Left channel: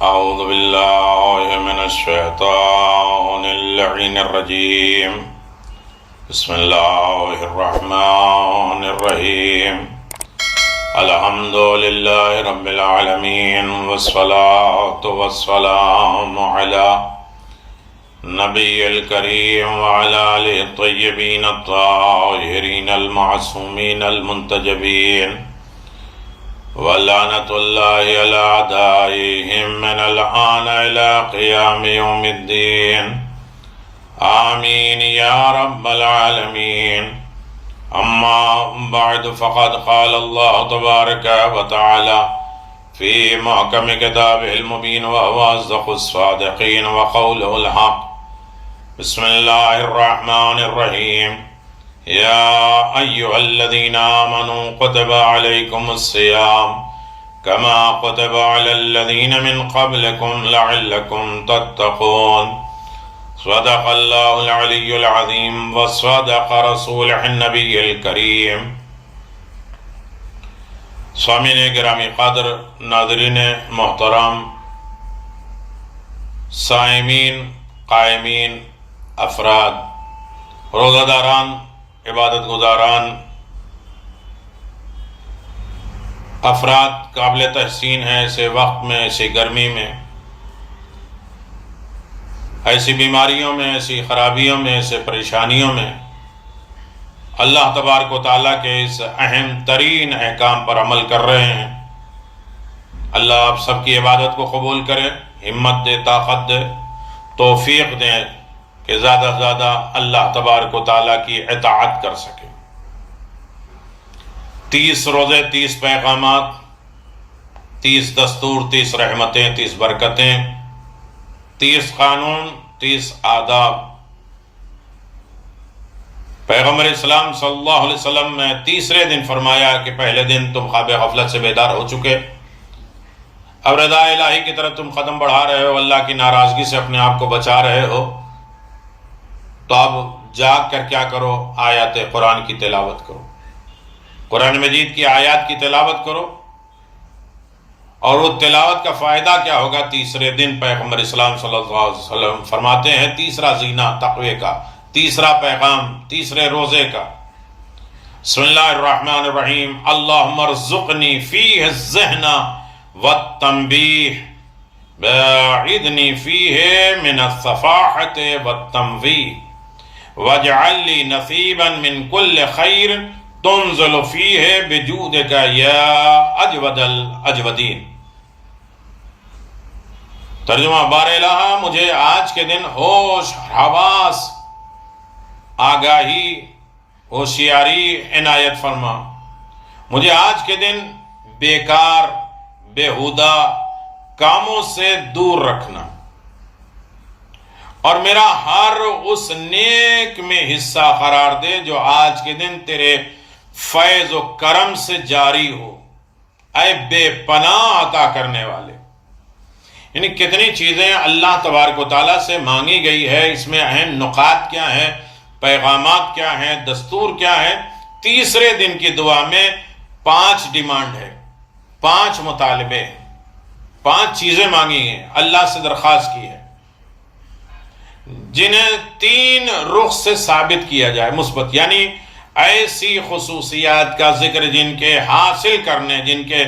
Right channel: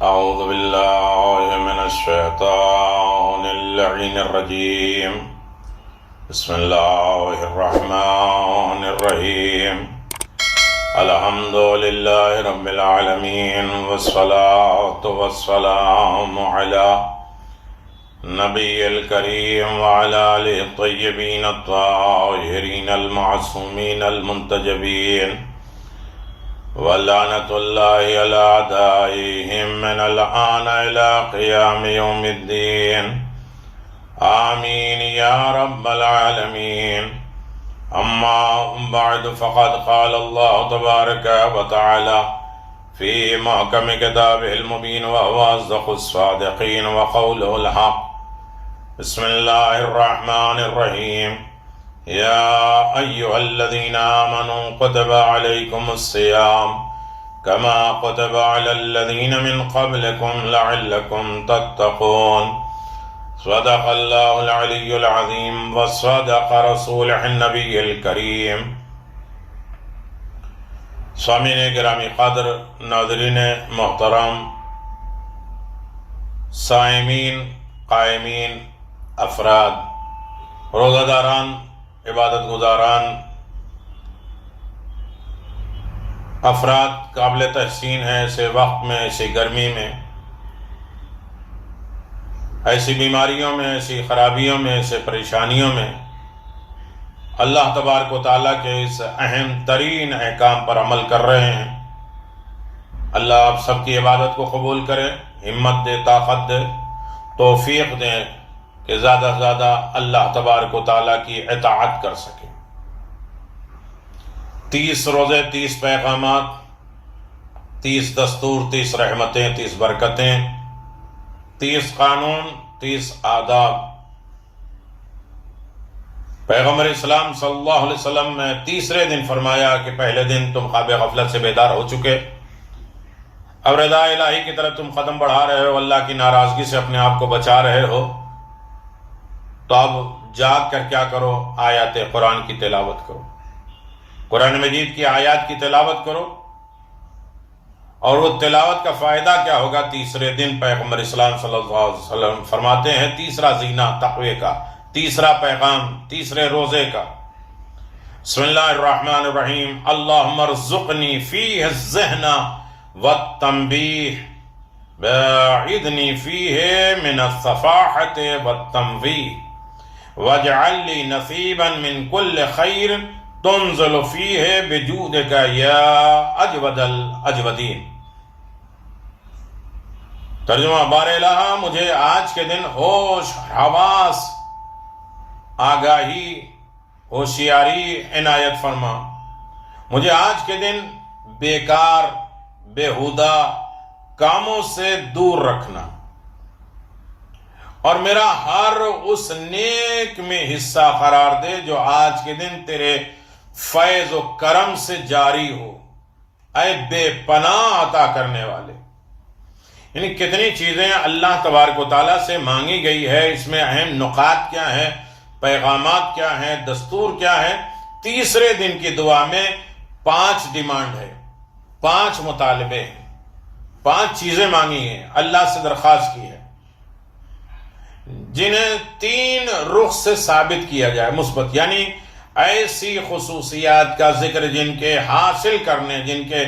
أعوذ بالله من الشيطان اللعين الرجيم. بسم الله الرحمن الرحيم. الحمد لله رب العالمين والصلاة والسلام على نبي الكريم وعلى آله الطيبين الطاهرين المعصومين المنتجبين ولعنة الله على أعدائهم من الآن إلى قيام يوم الدين. آمين يا رب العالمين. أما بعد فقد قال الله تبارك وتعالى في محكم كتابه المبين وهو أصدق الصادقين وقوله الحق. بسم الله الرحمن الرحيم. يا أيها الذين آمنوا كتب عليكم الصيام كما كتب على الذين من قبلكم لعلكم تتقون. صدق الله العلي العظيم وصدق رسوله النبي الكريم. سامعین گرامی قدر، ناظرین محترم، سائمین، قائمین، افراد، روزہ داران، عبادت گزاران، افراد قابل تحسین ہیں ایسے وقت میں، ایسی گرمی میں، ایسی بیماریوں میں، ایسی خرابیوں میں، ایسے پریشانیوں میں اللہ تبارک و تعالیٰ کے اس اہم ترین احکام پر عمل کر رہے ہیں. اللہ آپ سب کی عبادت کو قبول کرے، ہمت دے، طاقت دے، توفیق دے کہ زیادہ سے زیادہ اللہ تبارک و تعالیٰ کی اطاعت کر سکے. 30 روزے، 30 پیغامات، 30 دستور، 30 رحمتیں، 30 برکتیں، 30 قانون، 30 آداب. پیغمبر اسلام صلی اللہ علیہ وسلم نے تیسرے دن فرمایا کہ پہلے دن تم خواب غفلت سے بیدار ہو چکے، اب رضا الہی کی طرف تم قدم بڑھا رہے ہو، اللہ کی ناراضگی سے اپنے آپ کو بچا رہے ہو، تو اب جاگ کر کیا کرو؟ آیات قرآن کی تلاوت کرو، قرآن مجید کی آیات کی تلاوت کرو. اور وہ تلاوت کا فائدہ کیا ہوگا؟ تیسرے دن پیغمبر اسلام صلی اللہ علیہ وسلم فرماتے ہیں تیسرا زینہ تقوی کا، تیسرا پیغام تیسرے روزے کا. بسم اللہ الرحمن الرحیم. اللہم ارزقنی فیہ الذہن والتنبیہ باعدنی فیہ من الصفاحة والتنویہ واجعل لی نصیبا من کل خیر تنزل فیہ بجودک یا اجود الاجودین. ترجمہ: بار الہ مجھے آج کے دن ہوش، حواس، آگاہی، ہوشیاری عنایت فرما. مجھے آج کے دن بیکار، بیہودہ کاموں سے دور رکھنا، اور میرا ہر اس نیک میں حصہ قرار دے جو آج کے دن تیرے فیض و کرم سے جاری ہو، اے بے پناہ عطا کرنے والے. یعنی کتنی چیزیں اللہ تبارک و تعالیٰ سے مانگی گئی ہے. اس میں اہم نکات کیا ہیں، پیغامات کیا ہیں، دستور کیا ہیں. تیسرے دن کی دعا میں 5 ڈیمانڈ ہے، 5 مطالبے ہیں، 5 چیزیں مانگی ہیں، اللہ سے درخواست کی ہے، جنہیں 3 رخ سے ثابت کیا جائے مثبت. یعنی ایسی خصوصیات کا ذکر جن کے حاصل کرنے، جن کے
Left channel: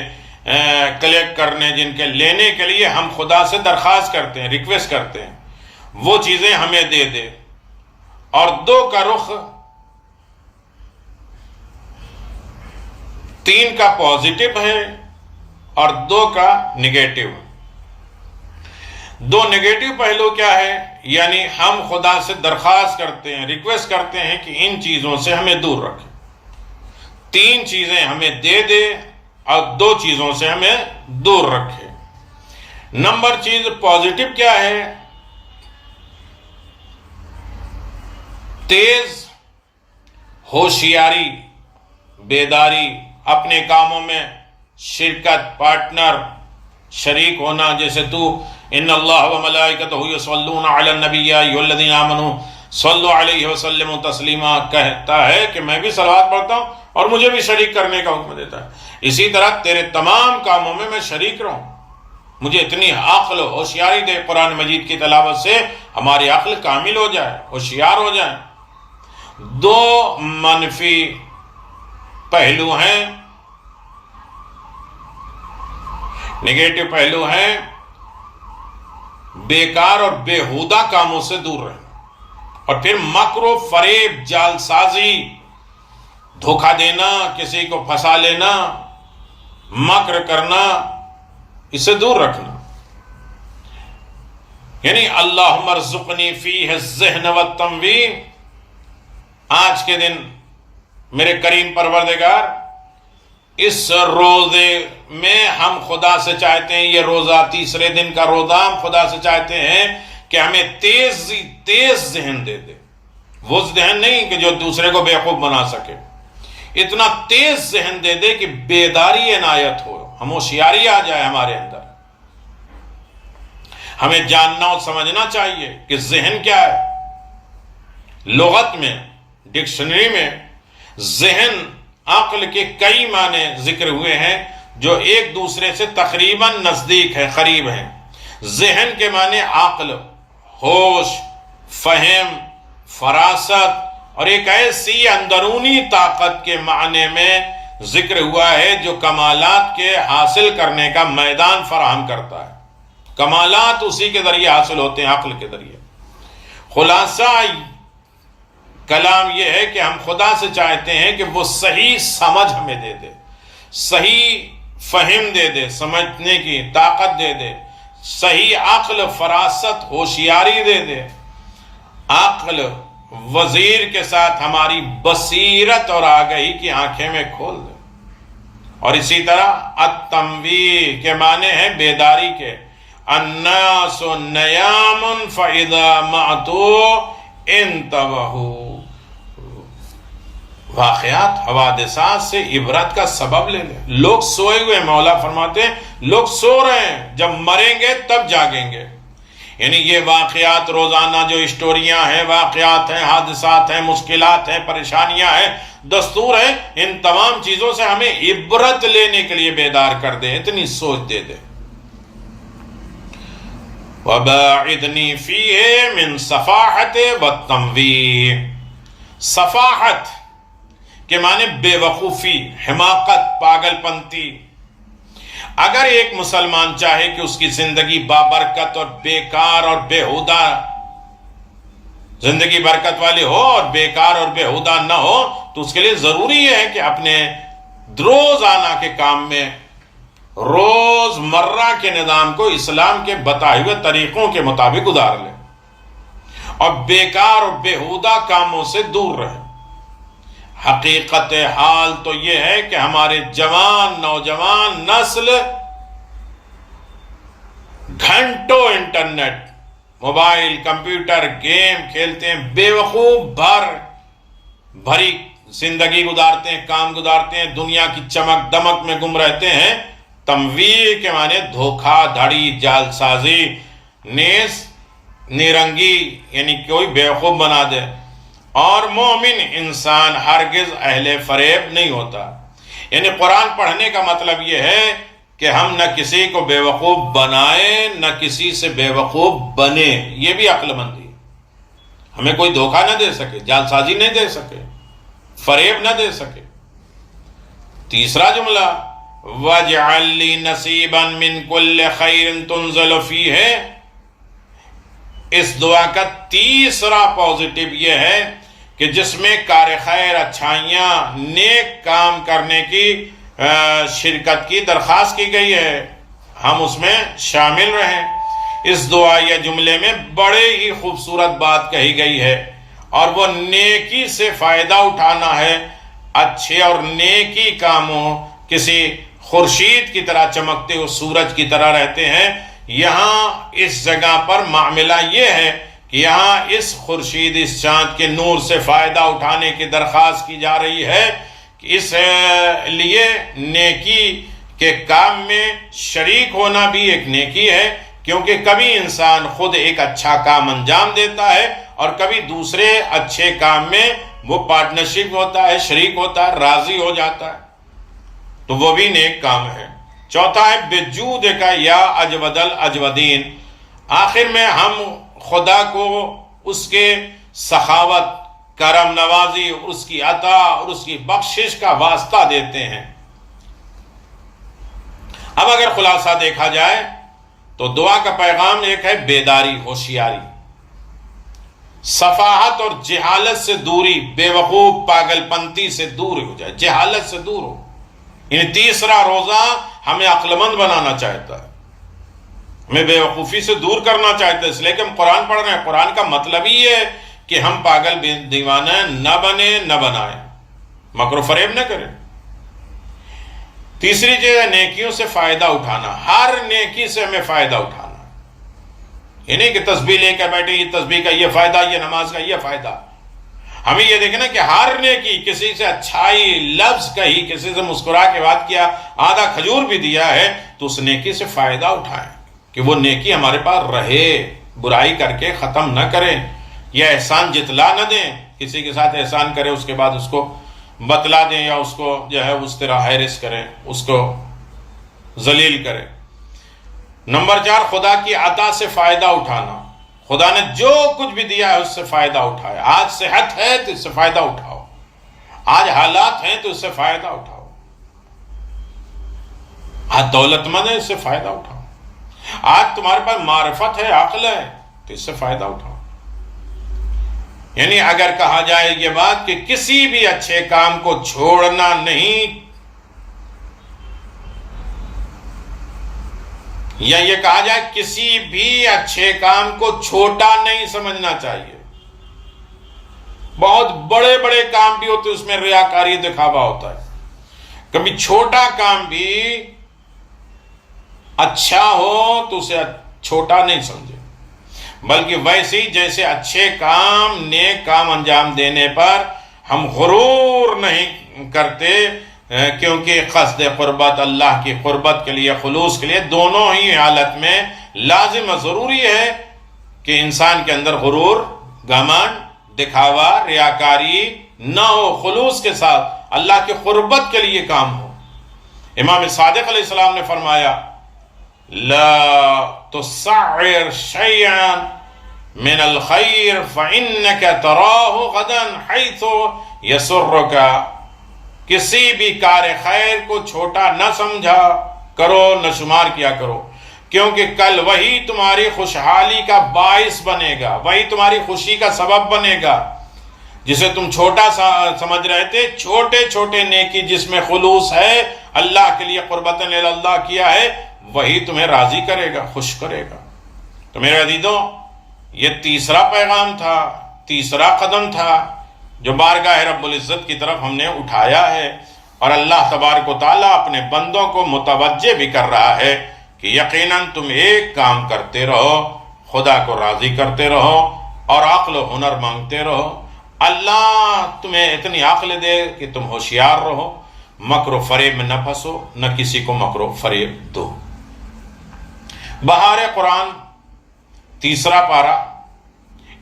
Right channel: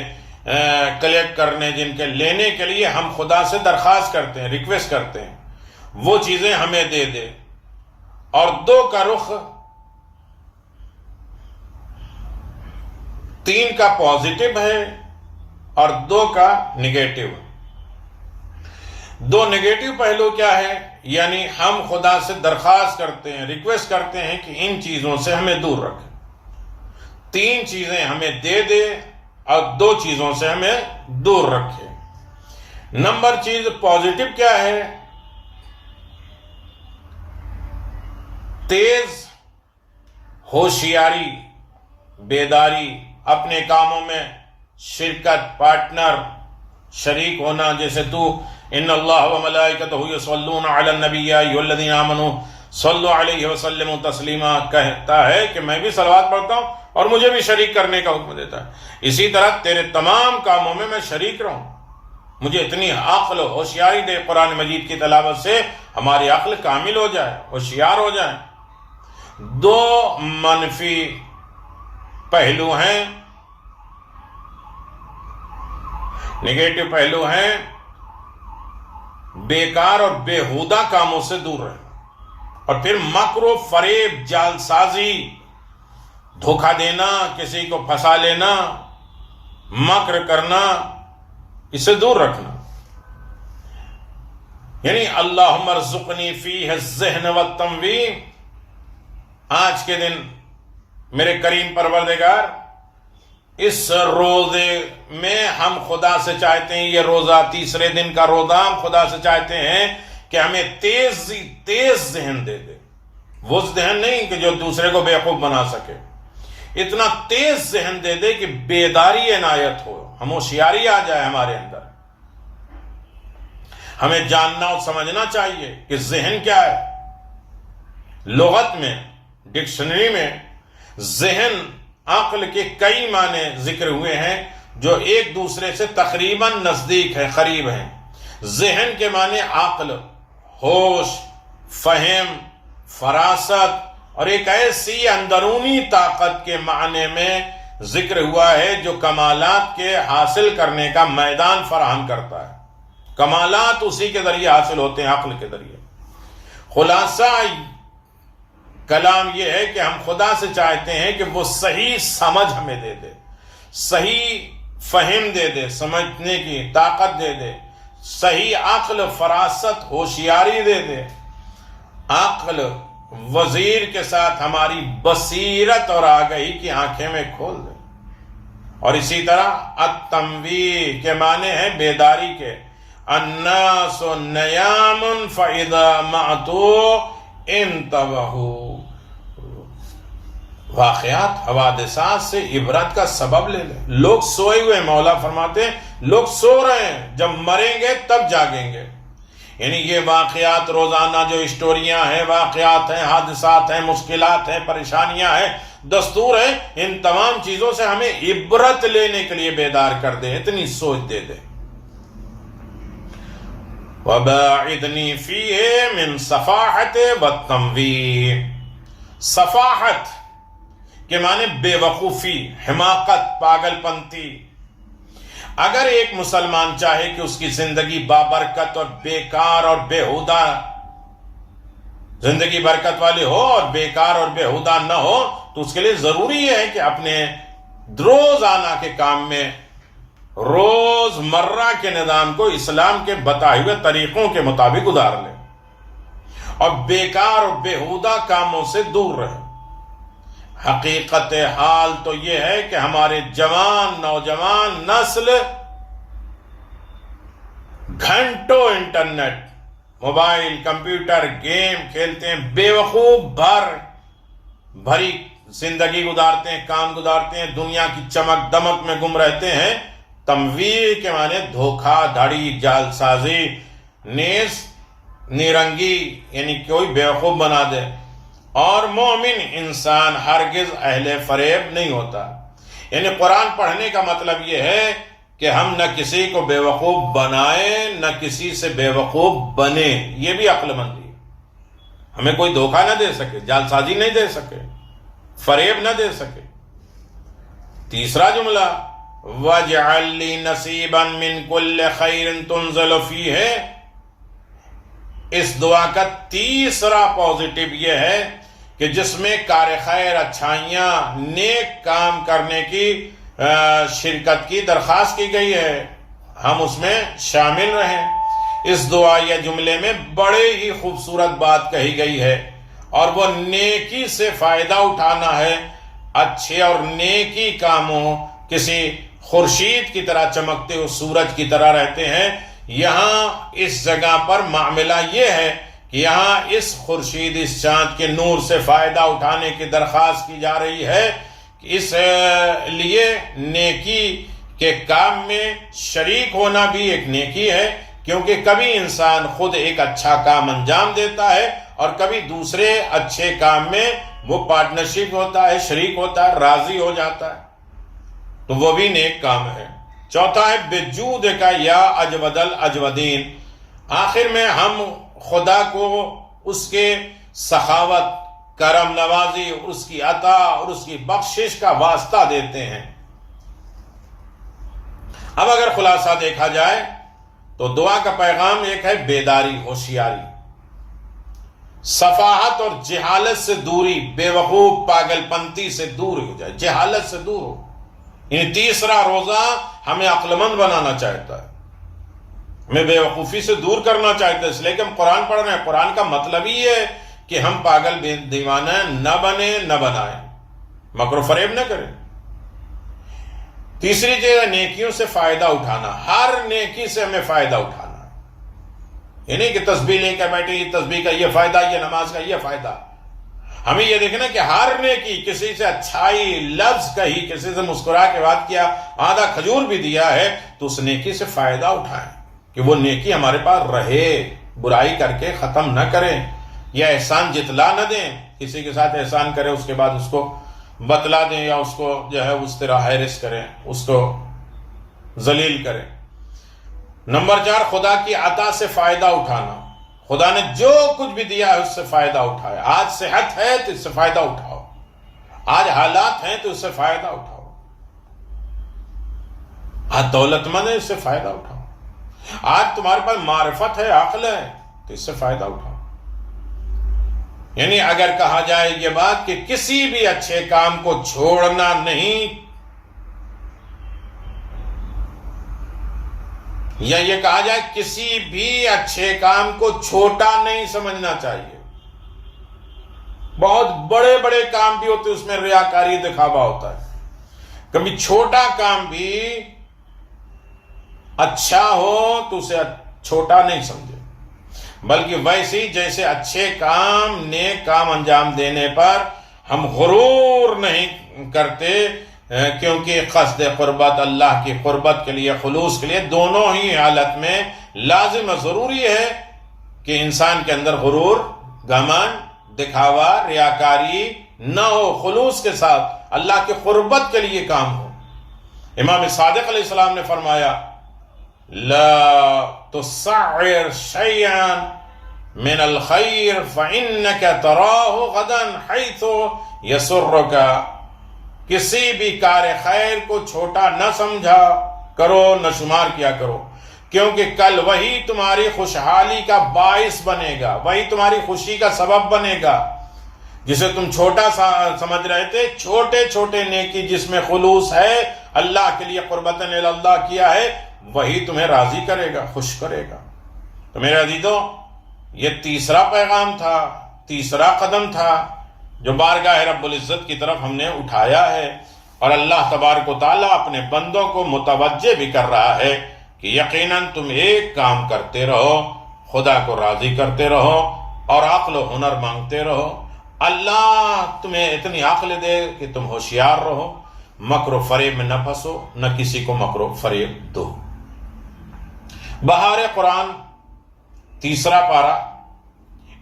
کلیکٹ کرنے، جن کے لینے کے لیے ہم خدا سے درخواست کرتے ہیں، ریکویسٹ کرتے ہیں، وہ چیزیں ہمیں دے دے. اور 2 کا رخ، 3 کا پازیٹیو ہے اور 2 کا نگیٹیو. 2 نگیٹیو پہلو کیا ہے؟ یعنی ہم خدا سے درخواست کرتے ہیں، ریکویسٹ کرتے ہیں کہ ان چیزوں سے ہمیں دور رکھے. 3 چیزیں ہمیں دے دے اور 2 چیزوں سے ہمیں دور رکھے. نمبر چیز پازیٹیو کیا ہے؟ تیز ہوشیاری، بیداری، اپنے کاموں میں شرکت، پارٹنر، شریک ہونا. جیسے تو ان اللہ و ملائکتہ یصلون علی النبی یا ایھا الذین آمنوا صلوا علیہ وسلم تسلیما کہتا ہے کہ میں بھی صلوات پڑھتا ہوں اور مجھے بھی شریک کرنے کا حکم دیتا ہے. اسی طرح تیرے تمام کاموں میں شریک رہوں، مجھے اتنی عقل و ہوشیاری دے قرآن مجید کی تلاوت سے ہماری عقل کامل ہو جائے، ہوشیار ہو جائے۔ دو منفی پہلو ہیں، نگیٹو پہلو ہیں، بیکار اور بیہودہ کاموں سے دور رہیں، اور پھر مکر و فریب، جال سازی، دھوکہ دینا، کسی کو پھنسا لینا، مکر کرنا، اسے دور رکھنا۔ یعنی اللہم ارزقنی فیہ الذہن والتنویر، آج کے دن میرے کریم پروردگار اس روزے میں ہم خدا سے چاہتے ہیں، یہ روزہ تیسرے دن کا روزہ، ہم خدا سے چاہتے ہیں کہ ہمیں تیز ذہن دے دے، وہ ذہن نہیں کہ جو دوسرے کو بیوقوف بنا سکے، اتنا تیز ذہن دے دے کہ بیداری عنایت ہو، ہم ہوشیاری آ جائے ہمارے اندر۔ ہمیں جاننا اور سمجھنا چاہیے کہ ذہن کیا ہے۔ لغت میں، ڈکشنری میں ذہن، عقل کے کئی معنی ذکر ہوئے ہیں جو ایک دوسرے سے تقریباً نزدیک ہیں، قریب ہیں۔ ذہن کے معنی عقل، ہوش، فہم، فراست، اور ایک ایسی اندرونی طاقت کے معنی میں ذکر ہوا ہے جو کمالات کے حاصل کرنے کا میدان فراہم کرتا ہے۔ کمالات اسی کے ذریعے حاصل ہوتے ہیں، عقل کے ذریعے۔ خلاصہ کلام یہ ہے کہ ہم خدا سے چاہتے ہیں کہ وہ صحیح سمجھ ہمیں دے دے، صحیح فہم دے دے، سمجھنے کی طاقت دے دے، صحیح عقل، فراست، ہوشیاری دے دے۔ عقل وزیر کے ساتھ ہماری بصیرت اور آگہی کی آنکھیں میں کھول دے۔ اور اسی طرح التنویر کے معنی ہیں بیداری کے، الناس نیام فاذا معتو انتبہوا، واقعات، حوادثات سے عبرت کا سبب لے لیں۔ لوگ سوئے ہوئے، مولا فرماتے ہیں لوگ سو رہے ہیں، جب مریں گے تب جاگیں گے۔ یعنی یہ واقعات روزانہ جو اسٹوریاں ہیں، واقعات ہیں، حادثات ہیں، مشکلات ہیں، پریشانیاں ہیں، دستور ہیں، ان تمام چیزوں سے ہمیں عبرت لینے کے لیے بیدار کر دے، اتنی سوچ دے دے۔ وَبَاعِدْنِي فِيهِ مِنْ صَفَاحَةِ وَالتَّمْوِيرِ، صفاحت کے معنی بے وقوفی، حماقت، پاگل پنتی۔ اگر ایک مسلمان چاہے کہ اس کی زندگی بابرکت اور بیکار اور بیہودہ زندگی برکت والی ہو اور بیکار اور بیہودہ نہ ہو، تو اس کے لیے ضروری ہے کہ اپنے روزانہ کے کام میں روز مرہ کے نظام کو اسلام کے بتائے ہوئے طریقوں کے مطابق گزار لے، اور بیکار اور بیہودہ کاموں سے دور رہے۔ حقیقت حال تو یہ ہے کہ ہمارے جوان، نوجوان نسل گھنٹوں انٹرنیٹ، موبائل، کمپیوٹر، گیم کھیلتے ہیں، بے وقوف بھری زندگی گزارتے ہیں، کام گزارتے ہیں، دنیا کی چمک دمک میں گم رہتے ہیں۔ تمویر کے معنی دھوکہ دھڑی، جال سازی، نیز نیرنگی، یعنی کوئی بیوقوف بنا دے۔ اور مومن انسان ہرگز اہل فریب نہیں ہوتا۔ یعنی قرآن پڑھنے کا مطلب یہ ہے کہ ہم نہ کسی کو بے وقوف بنائیں، نہ کسی سے بے وقوف بنے، یہ بھی عقل مندی ہے۔ ہمیں کوئی دھوکہ نہ دے سکے، جال سازی نہیں دے سکے، فریب نہ دے سکے۔ تیسرا جملہ وَاجْعَلْ لِي نَصِيبًا مِّن كُلِّ خَيْرٍ تُنزَلُ فِيهِ، اس دعا کا تیسرا پازیٹو یہ ہے کہ جس میں کار خیر، اچھائیاں، نیک کام کرنے کی شرکت کی درخواست کی گئی ہے، ہم اس میں شامل رہیں۔ اس دعا یا جملے میں بڑے ہی خوبصورت بات کہی گئی ہے، اور وہ نیکی سے فائدہ اٹھانا ہے۔ اچھے اور نیکی کاموں کسی خورشید کی طرح چمکتے ہوئے سورج کی طرح رہتے ہیں۔ یہاں اس جگہ پر معاملہ یہ ہے کہ یہاں اس خورشید، اس چاند کے نور سے فائدہ اٹھانے کی درخواست کی جا رہی ہے، کہ اس لیے نیکی کے کام میں شریک ہونا بھی ایک نیکی ہے، کیونکہ کبھی انسان خود ایک اچھا کام انجام دیتا ہے اور کبھی دوسرے اچھے کام میں وہ پارٹنرشپ ہوتا ہے، شریک ہوتا ہے، راضی ہو جاتا ہے، تو وہ بھی نیک کام ہے۔ چوتھا ہے بجودک یا اجود الاجودین، آخر میں ہم خدا کو اس کے سخاوت، کرم نوازی، اس کی عطا اور اس کی بخشش کا واسطہ دیتے ہیں۔ اب اگر خلاصہ دیکھا جائے تو دعا کا پیغام ایک ہے بیداری، ہوشیاری، صفاحت اور جہالت سے دوری، بے وقوف پاگل پنتی سے دور ہو جائے، جہالت سے دور ہو۔ یعنی تیسرا روزہ ہمیں عقل مند بنانا چاہتا ہے، ہمیں بے وقوفی سے دور کرنا چاہتا ہے، اس لیے کہ ہم قرآن پڑھ رہے ہیں۔ قرآن کا مطلب ہی ہے کہ ہم پاگل دیوانہ نہ بنے، نہ بنائیں، مکر و فریب نہ کریں۔ تیسری چیز ہے نیکیوں سے فائدہ اٹھانا، ہر نیکی سے ہمیں فائدہ اٹھانا ہے۔ یہ نہیں کہ تسبیح لے کر بیٹھے، یہ تسبیح کا یہ فائدہ، یہ نماز کا یہ فائدہ۔ ہمیں یہ دیکھنا کہ ہر نیکی، کسی سے اچھائی لفظ کہی، کسی سے مسکرا کے بات کیا، آدھا کھجور بھی دیا ہے، تو اس نیکی سے فائدہ اٹھائیں کہ وہ نیکی ہمارے پاس رہے، برائی کر کے ختم نہ کریں، یا احسان جتلا نہ دیں۔ کسی کے ساتھ احسان کرے اس کے بعد اس کو بتلا دیں، یا اس کو جو ہے اس طرح ہیرس کریں، اس کو ذلیل کریں۔ نمبر 4، خدا کی عطا سے فائدہ اٹھانا، خدا نے جو کچھ بھی دیا ہے اس سے فائدہ اٹھائے۔ آج صحت ہے تو اس سے فائدہ اٹھاؤ، آج حالات ہیں تو اس سے فائدہ اٹھاؤ، آج دولت مند ہے اس سے فائدہ اٹھاؤ، آج تمہارے پاس معرفت ہے، عقل ہے تو اس سے فائدہ اٹھاؤ۔ یعنی اگر کہا جائے یہ بات کہ کسی بھی اچھے کام کو چھوڑنا نہیں، یا یہ کہا جائے کسی بھی اچھے کام کو چھوٹا نہیں سمجھنا چاہیے۔ بہت بڑے بڑے کام بھی ہوتے، اس میں ریاکاری دکھاوا ہوتا ہے۔ کبھی چھوٹا کام بھی اچھا ہو تو اسے چھوٹا نہیں سمجھے، بلکہ ویسے ہی جیسے اچھے کام، نیک کام انجام دینے پر ہم غرور نہیں کرتے، کیونکہ قصد قربت، اللہ کی قربت کے لیے، خلوص کے لیے، دونوں ہی حالت میں لازم و ضروری ہے کہ انسان کے اندر غرور، گھمنڈ، دکھاوا، ریاکاری نہ ہو، خلوص کے ساتھ اللہ کی قربت کے لیے کام ہو۔ امام صادق علیہ السلام نے فرمایا لا تسعر شيئا من الخير فإنك تراه غدا حيث يسرك، کسی بھی کار خیر کو چھوٹا نہ سمجھا کرو، نہ شمار کیا کرو، کیونکہ کل وہی تمہاری خوشحالی کا باعث بنے گا، وہی تمہاری خوشی کا سبب بنے گا۔ جسے تم چھوٹا سمجھ رہے تھے، چھوٹے چھوٹے نیکی جس میں خلوص ہے، اللہ کے لیے قربتاً اللہ کیا ہے، وہی تمہیں راضی کرے گا، خوش کرے گا۔ تو میرے عزیزوں، یہ تیسرا پیغام تھا، تیسرا قدم تھا جو بارگاہ رب العزت کی طرف ہم نے اٹھایا ہے، اور اللہ تبارک و تعالیٰ اپنے بندوں کو متوجہ بھی کر رہا ہے کہ یقیناً تم ایک کام کرتے رہو، خدا کو راضی کرتے رہو اور عقل و ہنر مانگتے رہو۔ اللہ تمہیں اتنی عقل دے کہ تم ہوشیار رہو، مکر و فریب میں نہ پھنسو، نہ کسی کو مکر و فریب دو۔ بہار قرآن، تیسرا پارہ،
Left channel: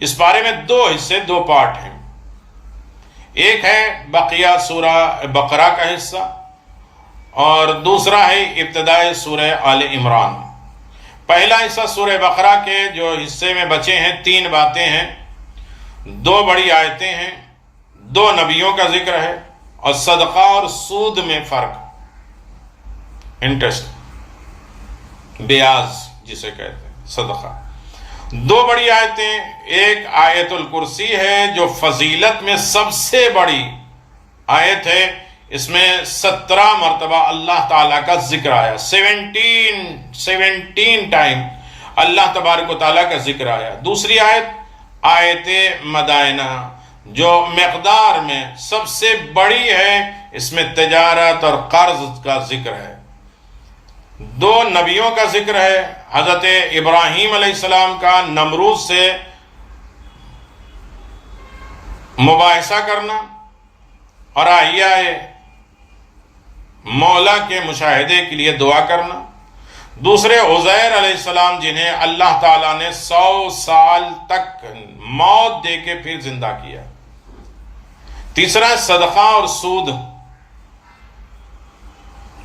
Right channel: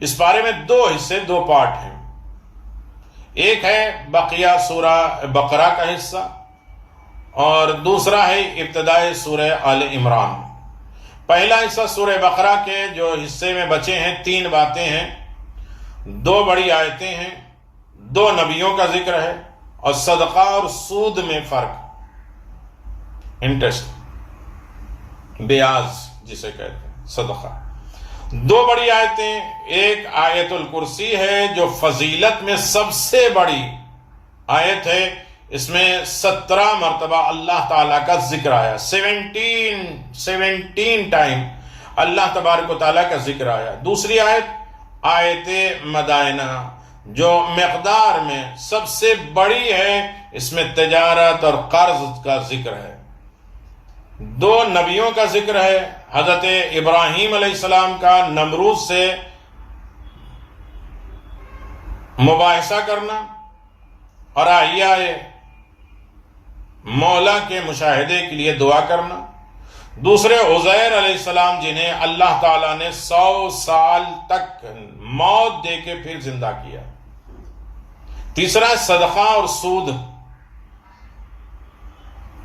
اس پارے میں دو حصے، دو پارٹ ہیں۔ ایک ہے بقیہ سورہ بقرہ کا حصہ، اور دوسرا ہے ابتدائی سورہ آل عمران۔ پہلا حصہ سورہ بقرہ کے جو حصے میں بچے ہیں، 3 باتیں ہیں، 2 بڑی آیتیں ہیں، 2 نبیوں کا ذکر ہے، اور صدقہ اور سود میں فرق، انٹرسٹ، بیاض جسے کہتے ہیں، صدقہ۔ 2 بڑی آیتیں، ایک آیت الکرسی ہے جو فضیلت میں سب سے بڑی آیت ہے، اس میں 17 مرتبہ اللہ تعالیٰ کا ذکر آیا، 17 ٹائم اللہ تبارک و تعالیٰ کا ذکر آیا۔ دوسری آیت مدائنہ جو مقدار میں سب سے بڑی ہے، اس میں تجارت اور قرض کا ذکر ہے۔ 2 نبیوں کا ذکر ہے، حضرت ابراہیم علیہ السلام کا نمرود سے مباحثہ کرنا اور احیاء مولا کے مشاہدے کے لیے دعا کرنا۔ دوسرے عزیر علیہ السلام، جنہیں اللہ تعالیٰ نے 100 سال تک موت دے کے پھر زندہ کیا۔ تیسرا صدقہ اور سود،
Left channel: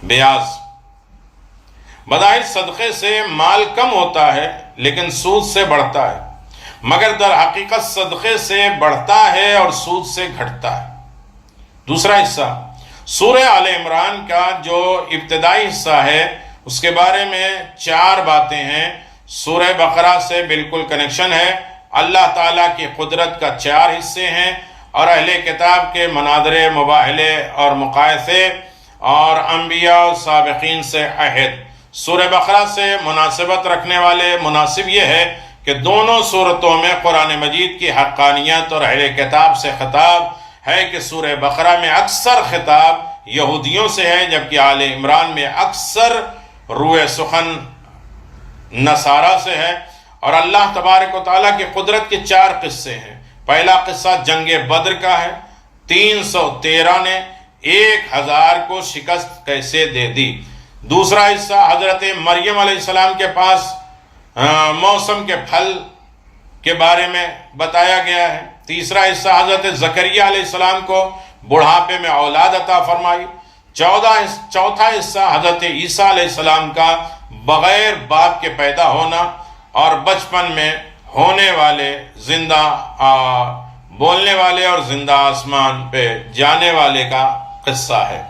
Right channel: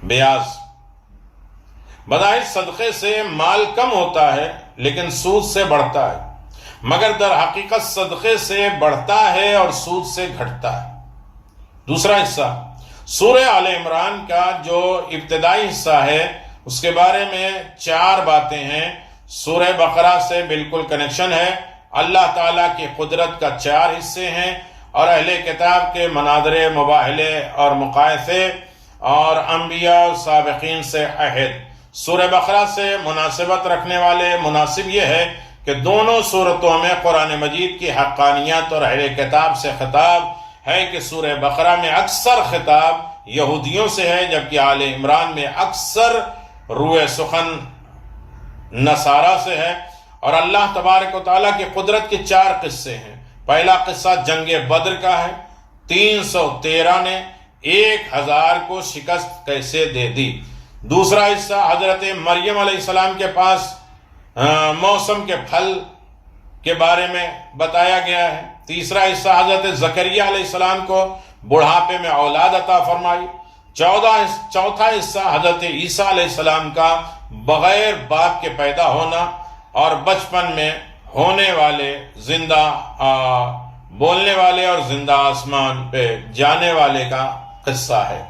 بیاض۔ بظاہر صدقے سے مال کم ہوتا ہے لیکن سود سے بڑھتا ہے، مگر در حقیقت صدقے سے بڑھتا ہے اور سود سے گھٹتا ہے۔ دوسرا حصہ سورہ آل عمران کا جو ابتدائی حصہ ہے اس کے بارے میں 4 باتیں ہیں۔ سورہ بقرہ سے بالکل کنیکشن ہے، اللہ تعالیٰ کی قدرت کا 4 حصے ہیں، اور اہل کتاب کے مناظرے، مباہلے اور مقایسے، اور انبیاء و سابقین سے عہد۔ سورہ بقرہ سے مناسبت رکھنے والے مناسب یہ ہے کہ دونوں صورتوں میں قرآن مجید کی حقانیت اور اہل کتاب سے خطاب ہے کہ سورہ بقرہ میں اکثر خطاب یہودیوں سے ہے، جبکہ آل عمران میں اکثر روح سخن نصارہ سے ہے۔ اور اللہ تبارک و تعالیٰ کی قدرت کے 4 قصے ہیں۔ پہلا قصہ جنگ بدر کا ہے، 313 نے 1000 کو شکست کیسے دے دی۔ دوسرا حصہ حضرت مریم علیہ السلام کے پاس موسم کے پھل کے بارے میں بتایا گیا ہے۔ تیسرا حصہ حضرت زکریا علیہ السلام کو بڑھاپے میں اولاد عطا فرمائی۔ چوتھا حصہ حضرت عیسیٰ علیہ السلام کا بغیر باپ کے پیدا ہونا اور بچپن میں ہونے والے زندہ بولنے والے اور زندہ آسمان پہ جانے والے کا قصہ ہے۔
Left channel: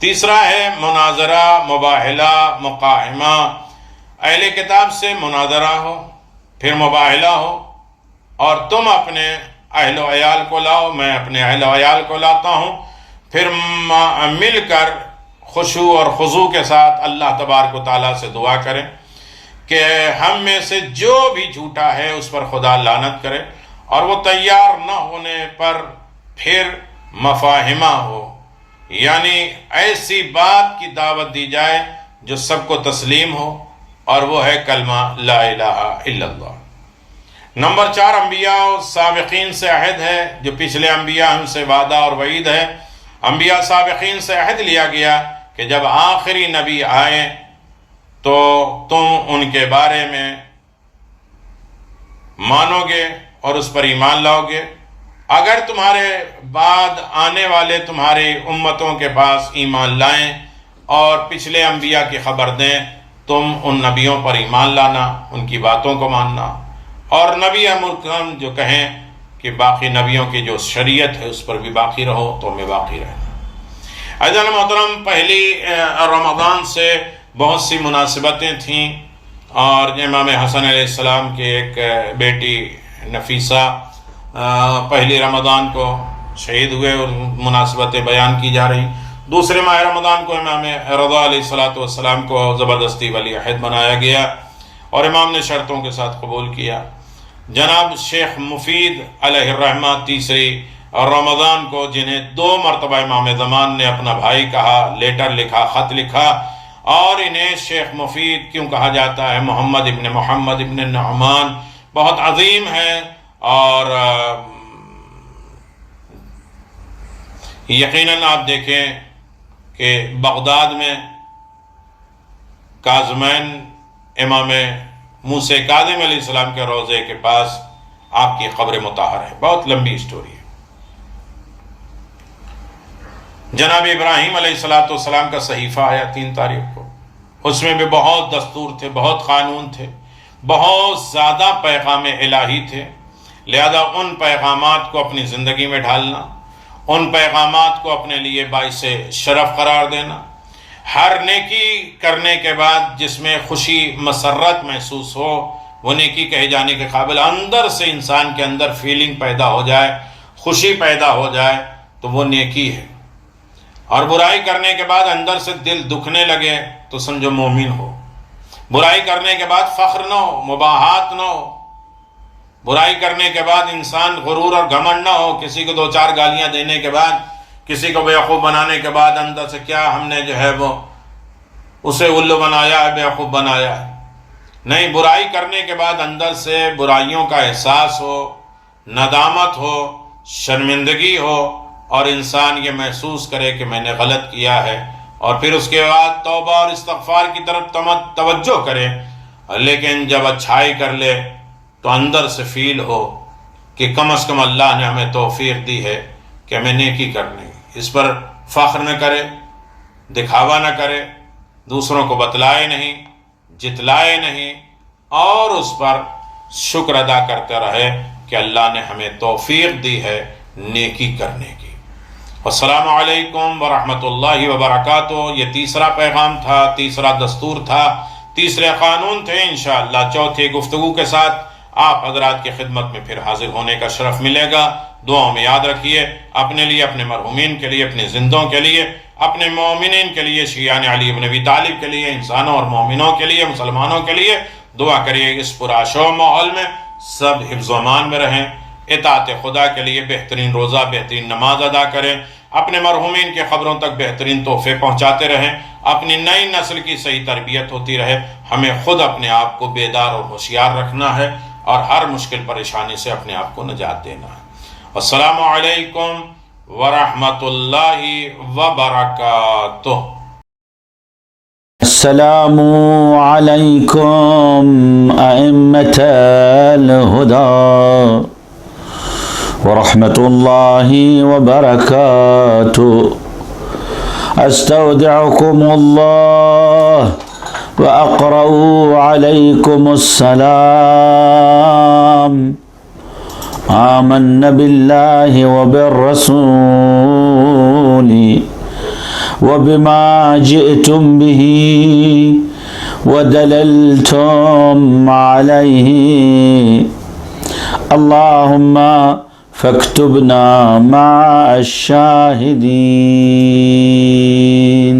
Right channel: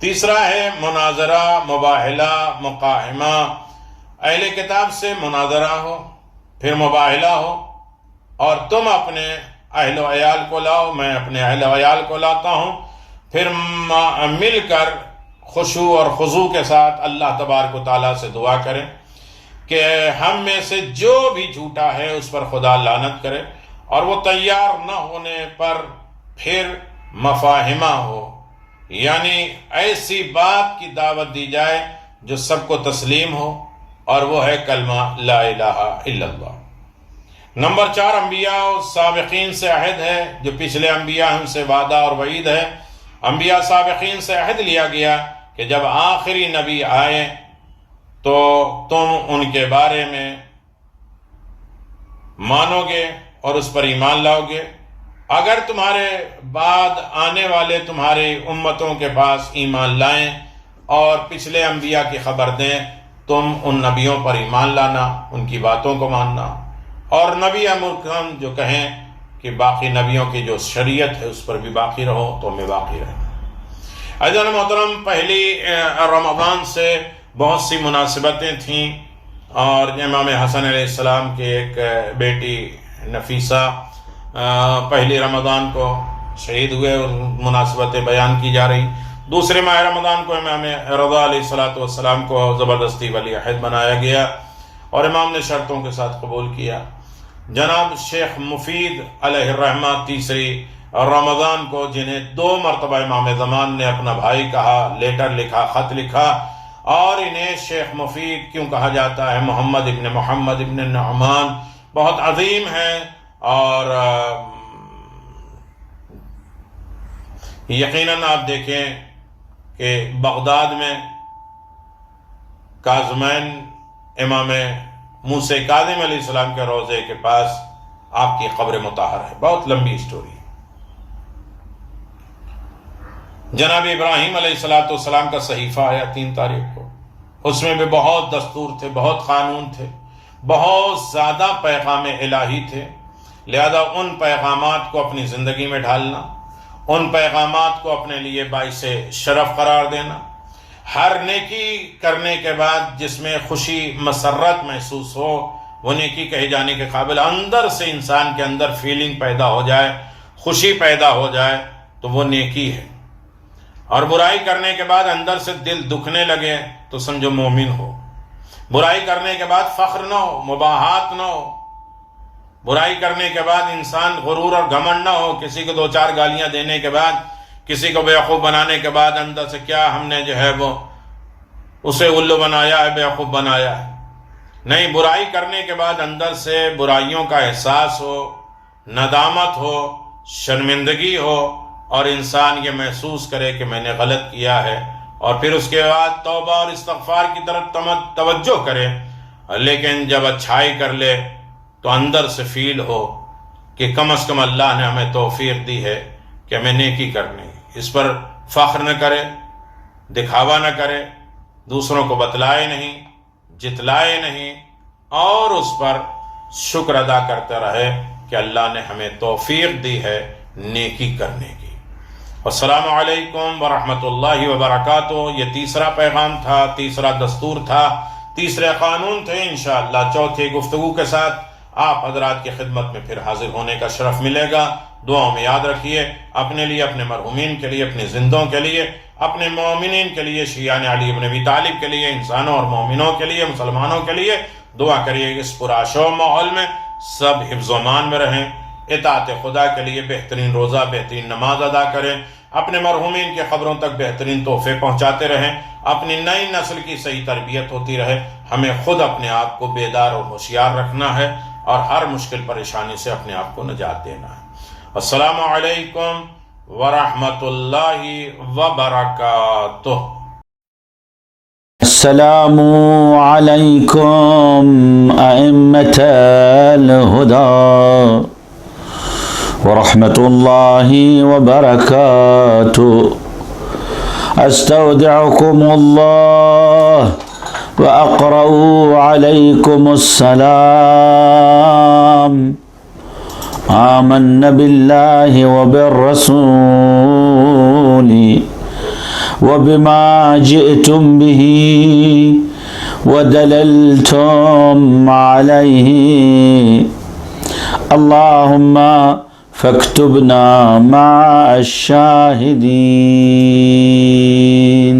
تیسرا ہے مناظرہ، مباہلہ، مقاہمہ۔ اہل کتاب سے مناظرہ ہو، پھر مباہلہ ہو، اور تم اپنے اہل و عیال کو لاؤ، میں اپنے اہل و عیال کو لاتا ہوں، پھر مل کر خشوع اور خضوع کے ساتھ اللہ تبارک و تعالیٰ سے دعا کریں کہ ہم میں سے جو بھی جھوٹا ہے اس پر خدا لعنت کرے، اور وہ تیار نہ ہونے پر پھر مفاہمہ ہو، یعنی ایسی بات کی دعوت دی جائے جو سب کو تسلیم ہو، اور وہ ہے کلمہ لا الہ الا اللہ۔ نمبر 4 انبیاء و سابقین سے عہد ہے، جو پچھلے انبیاء ان سے وعدہ اور وعید ہے۔ انبیاء سابقین سے عہد لیا گیا کہ جب آخری نبی آئے تو تم ان کے بارے میں مانو گے اور اس پر ایمان لاؤ گے۔ اگر تمہارے بعد آنے والے تمہاری امتوں کے پاس ایمان لائیں اور پچھلے انبیاء کی خبر دیں، تم ان نبیوں پر ایمان لانا، ان کی باتوں کو ماننا، اور نبی امرکم جو کہیں کہ باقی نبیوں کی جو شریعت ہے اس پر بھی باقی رہو، تو ہمیں باقی رہنا۔ عزیزان محترم، پہلی رمضان سے بہت سی مناسبتیں تھیں، اور امام حسن علیہ السلام کی ایک بیٹی نفیسہ پہلی رمضان کو شہید ہوئے، اور مناسبتیں بیان کی جا رہی۔ دوسرے ماہ رمضان کو امام رضا علیہ السلام کو زبردستی ولی عہد بنایا گیا، اور امام نے شرطوں کے ساتھ قبول کیا۔ جناب شیخ مفید علیہ الرحمہ تیسری رمضان کو، جنہیں 2 مرتبہ امام زمان نے اپنا بھائی کہا، لیٹر لکھا، خط لکھا، اور انہیں شیخ مفید کیوں کہا جاتا ہے؟ محمد ابن نعمان بہت عظیم ہے، اور یقیناً آپ دیکھیں کہ بغداد میں کاظمین امام موسیٰ کاظم علیہ السلام کے روضے کے پاس آپ کی قبر مطہر ہے۔ بہت لمبی سٹوری ہے۔ جناب ابراہیم علیہ السلام کا صحیفہ آیا 3 تاریخ کو، اس میں بھی بہت دستور تھے، بہت قانون تھے، بہت زیادہ پیغام الہی تھے۔ لہذا ان پیغامات کو اپنی زندگی میں ڈھالنا، ان پیغامات کو اپنے لیے باعث شرف قرار دینا، ہر نیکی کرنے کے بعد جس میں خوشی مسرت محسوس ہو، وہ نیکی کہے جانے کے قابل، اندر سے انسان کے اندر فیلنگ پیدا ہو جائے، خوشی پیدا ہو جائے، تو وہ نیکی ہے۔ اور برائی کرنے کے بعد اندر سے دل دکھنے لگے تو سمجھو مومن ہو۔ برائی کرنے کے بعد فخر نہ ہو، مباحات نہ ہو، برائی کرنے کے بعد انسان غرور اور گھمنڈ نہ ہو، کسی کو 2-4 گالیاں دینے کے بعد، کسی کو بیوقوف بنانے کے بعد اندر سے کیا ہم نے جو ہے وہ اسے الو بنایا ہے، بیوقوف بنایا ہے۔ نہیں، برائی کرنے کے بعد اندر سے برائیوں کا احساس ہو، ندامت ہو، شرمندگی ہو، اور انسان یہ محسوس کرے کہ میں نے غلط کیا ہے، اور پھر اس کے بعد توبہ اور استغفار کی طرف توجہ کرے۔ لیکن جب اچھائی کر لے تو اندر سے فیل ہو کہ کم از کم اللہ نے ہمیں توفیق دی ہے کہ ہمیں نیکی کرنی، اس پر فخر نہ کرے، دکھاوا نہ کرے، دوسروں کو بتلائے نہیں، جتلائے نہیں اور اس پر شکر ادا کرتے رہے کہ اللہ نے ہمیں توفیق دی ہے نیکی کرنے کی۔ السلام علیکم ورحمۃ اللہ وبرکاتہ۔ یہ تیسرا پیغام تھا، تیسرا دستور تھا، تیسرے قانون تھے۔ انشاءاللہ چوتھی گفتگو کے ساتھ آپ حضرات کی خدمت میں پھر حاضر ہونے کا شرف ملے گا۔ دعاؤں میں یاد رکھیے، اپنے لیے، اپنے مرحومین کے لیے، اپنے زندوں کے لیے، اپنے مومنین کے لیے، شیعان علی بن ابی طالب کے لیے، انسانوں اور مومنوں کے لیے، مسلمانوں کے لیے دعا کریے۔ اس پرآشوب ماحول میں سب حفظ و امان میں رہیں، اطاعت خدا کے لیے بہترین روزہ، بہترین نماز ادا کریں، اپنے مرحومین کے قبروں تک بہترین تحفے پہنچاتے رہیں، اپنی نئی نسل کی صحیح تربیت ہوتی رہے۔ ہمیں خود اپنے آپ کو بیدار اور ہوشیار رکھنا ہے اور ہر مشکل پریشانی سے اپنے آپ کو نجات دینا ہے۔ السلام علیکم ورحمۃ اللہ وبرکاتہ۔ السلام عليكم أئمة الهدى ورحمة الله وبركاته. أستودعكم الله وأقرأ عليكم السلام. آمنا بالله وبالرسول وبما جئتم به ودللتم عليه. اللهم فاكتبنا مع الشاهدين.